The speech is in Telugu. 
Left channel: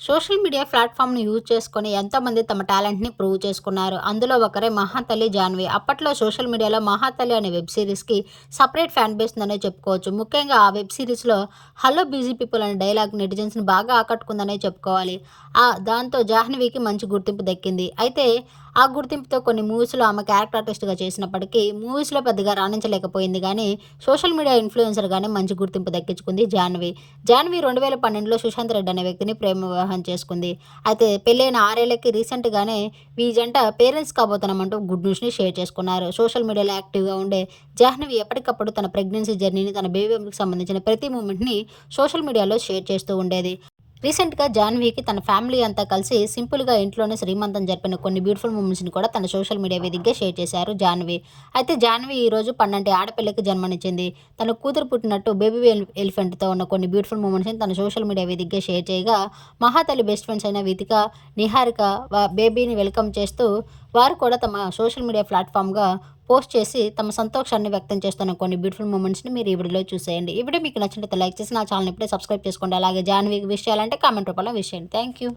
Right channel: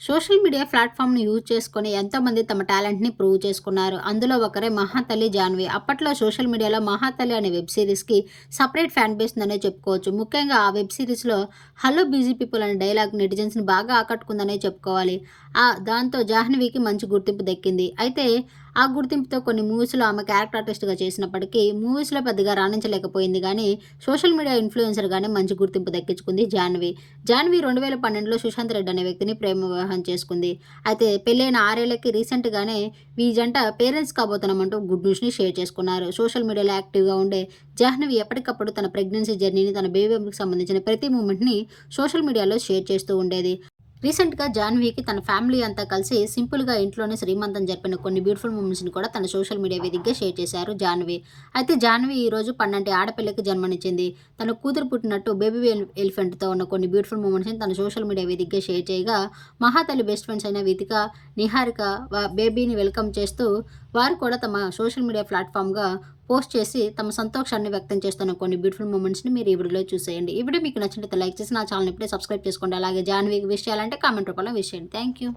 సోషల్ మీడియా ప్లాట్ఫామ్ను యూజ్ చేసుకొని ఎంతోమంది తమ టాలెంట్‌ని ప్రూవ్ చేసుకున్నారు. అందులో ఒకరే 'మహాతల్లి జాన్వి అప్పట్లో సోషల్ మీడియాలో 'మహాతల్లి' అనే వెబ్ సిరీస్కి సపరేట్ ఫ్యాన్ బేస్ ఉందనే చెప్పుకోవచ్చు. ముఖ్యంగా ఆ వెబ్ సిరీస్లో 'హలో బిజీ పీపుల్' అనే డైలాగ్ నెటిజన్స్‌ని బాగా ఆకట్టుకుందనే చెప్పుకోవాలి. ఆ దాంతో జాహ్నవికి మంచి గుర్తింపు దక్కింది. అయితే ఆ గుర్తింపుతో కొన్ని మూవీస్‌లో ఆమె క్యారెక్టర్ ఆర్టిస్ట్‌గా చేసినప్పటికీ మూవీస్‌లో పెద్దగా రాణించలేకపోయింది కానీ సోషల్ మీడియా ఇన్‌ఫ్లుయెన్సర్‌గానే మంచి గుర్తింపు దక్కించుకుంది జాహ్నవి. జాహ్నవి 2012లో సుశాంత్ రెడ్డి అనే వ్యక్తిని ప్రేమ వివాహం చేసుకుంది. అయితే పెళ్ళైన ఆరేళ్ళకి రీసెంట్‌గానే ఈ జంట పేరెంట్స్ కాబోతున్నామంటూ గుడ్ న్యూస్‌ని షేర్ చేసుకున్నారు. సోషల్ మీడియాలో యాక్టివ్‌గా ఉండే జాహ్నవి ఎప్పటికప్పుడు తన ప్రెగ్నెన్సీ జర్నీని, తన బేబీకి సంబంధించిన ప్రతి మూమెంట్‌ని సోషల్ మీడియాలో షేర్ చేస్తూ ఉండేది. రీసెంట్‌గా జాన్వీకి తన ఫ్యామిలీ అంతా కలిసి సింపుల్‌గా ఇంట్లోనే శ్రీమంతం జరిపిన కొన్ని బ్యూటిఫుల్ మూమెంట్స్‌ని కూడా తన సోషల్ మీడియా వేదికగా షేర్ చేశారు జాన్వీ అయితే జాన్వీ ఈరోజు పన్నంటి ఆడపిల్లకి జన్మనిచ్చింది. తన కూతురు పుట్టినట్టు బేబీ ఎల్ ఎలిఫెంట్‌తో ఉన్న కొన్ని బ్యూటిఫుల్ మూమెంట్స్‌ని తన సోషల్ మీడియా వేదికగా షేర్ చేయగా, మహాతల్లి బెస్ట్ ఫ్రెండ్స్ అయిన వితిక, నిహారిక బేబీని వెల్కమ్ చేస్తూ వారు కూడా తమ సోషల్ మీడియా ప్లాట్‌ఫామ్‌గా పోస్ట్ చేసి తమ సంతోషాన్ని వ్యక్తం చేస్తున్న కొన్ని బ్యూటిఫుల్ మూమెంట్స్‌ని మీరు ఈ వీడియోలో చూసేయండి. ఈ వీడియో మీకు నచ్చినట్లయితే లైక్ చేసి నా ఛానల్ ఇప్పుడే సబ్స్క్రైబ్ చేసుకోండి. అలాగే జాన్వీకి విష్ చేయాలంటే కామెంట్ రూపంలో విష్ చేయండి. యూ.